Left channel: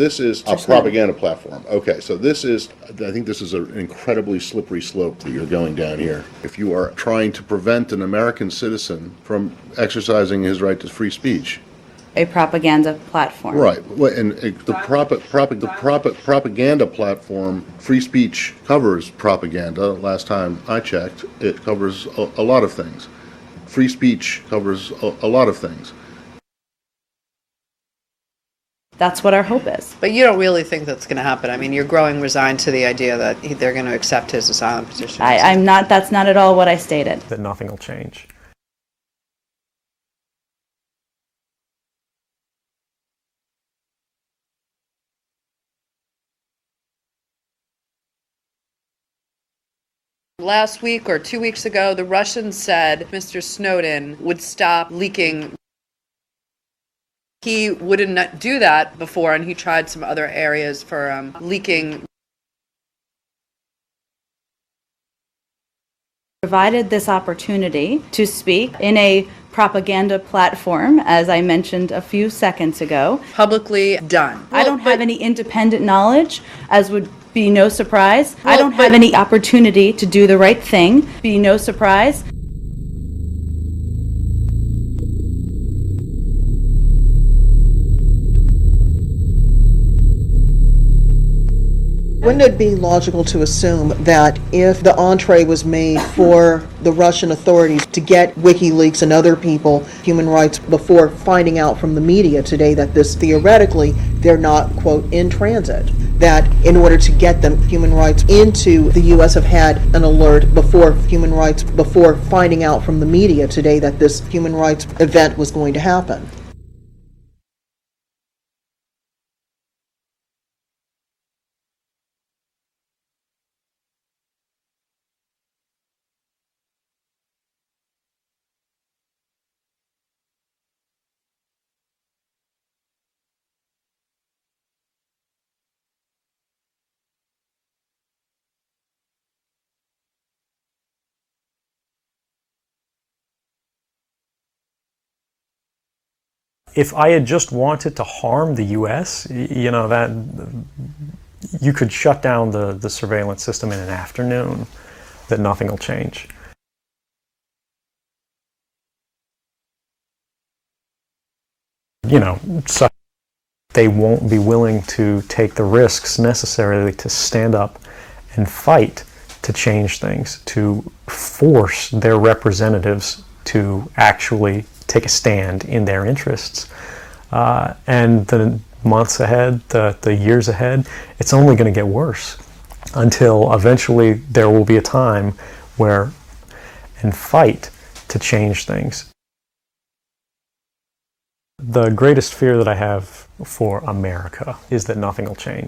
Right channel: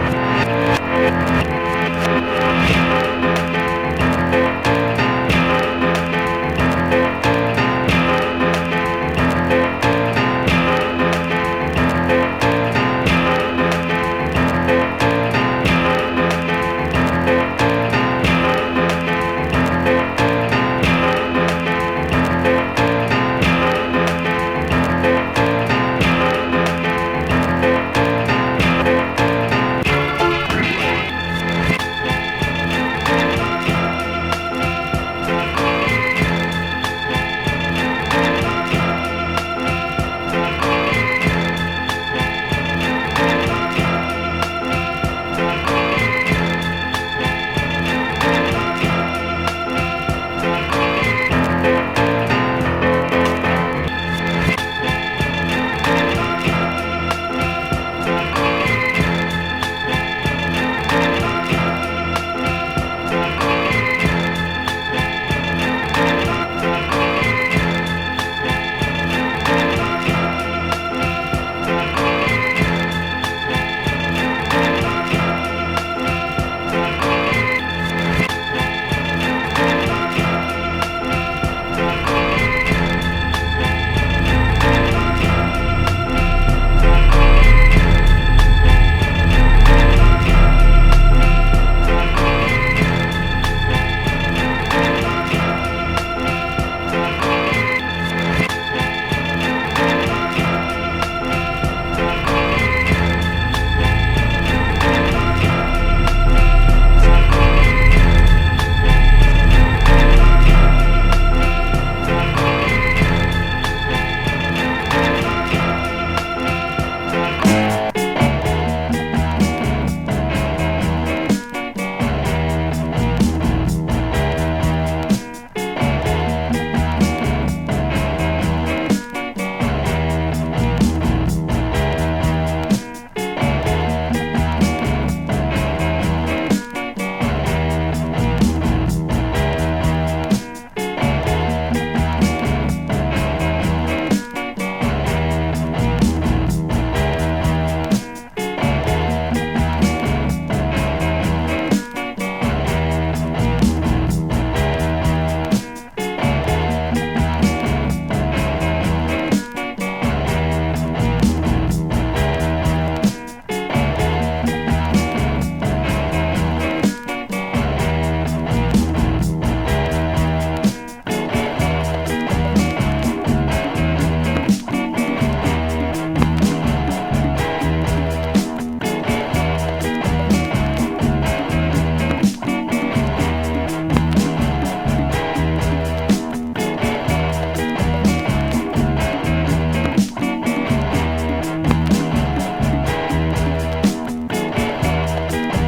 this is a propaganda platform. Okay, so I think this is an incredibly slippery slope to be going down here. If you are trying to prevent an American citizen from exercising his right to free speech. A propaganda platform. Right, and the propaganda platform, free speech covers propaganda. Last time I checked, it covers a lot of things. Free speech covers a lot of things. That's what our hope is. But you don't really think that's going to happen. I mean, you're growing resigned to the idea that they're going to accept his asylum position. I'm not, that's not at all what I stated. Last week or 2 weeks ago, the Russians said Mr. Snowden would stop leaking. He wouldn't do that before, and he tried some other areas for leaking. Provided this opportunity to speak in a propaganda platform, as I mentioned a few seconds ago. Publicly done. I don't have any independent knowledge, as would be no surprise. I don't have any opportunity to do the right thing, be no surprise. Wouldn't it be logical to assume that if the entree was made for the Russian authorities to get WikiLeaks and other people human rights before finding out from the media today that this theoretically they're not, quote, in transit, that in order to get them human rights into the U.S. have had an alert before finding out from the media today that this human rights event was going to happen? If I had just wanted to harm the U.S., that you could shut down the surveillance system in an afternoon, that nothing will change. So they won't be willing to take the risks necessarily to stand up and fight to change things, to force their representatives to actually take a stand in their interests. And the months ahead, the years ahead, it's only going to get worse until eventually there will be a time where you can fight to change things. The greatest fear that I have for America is that nothing will change.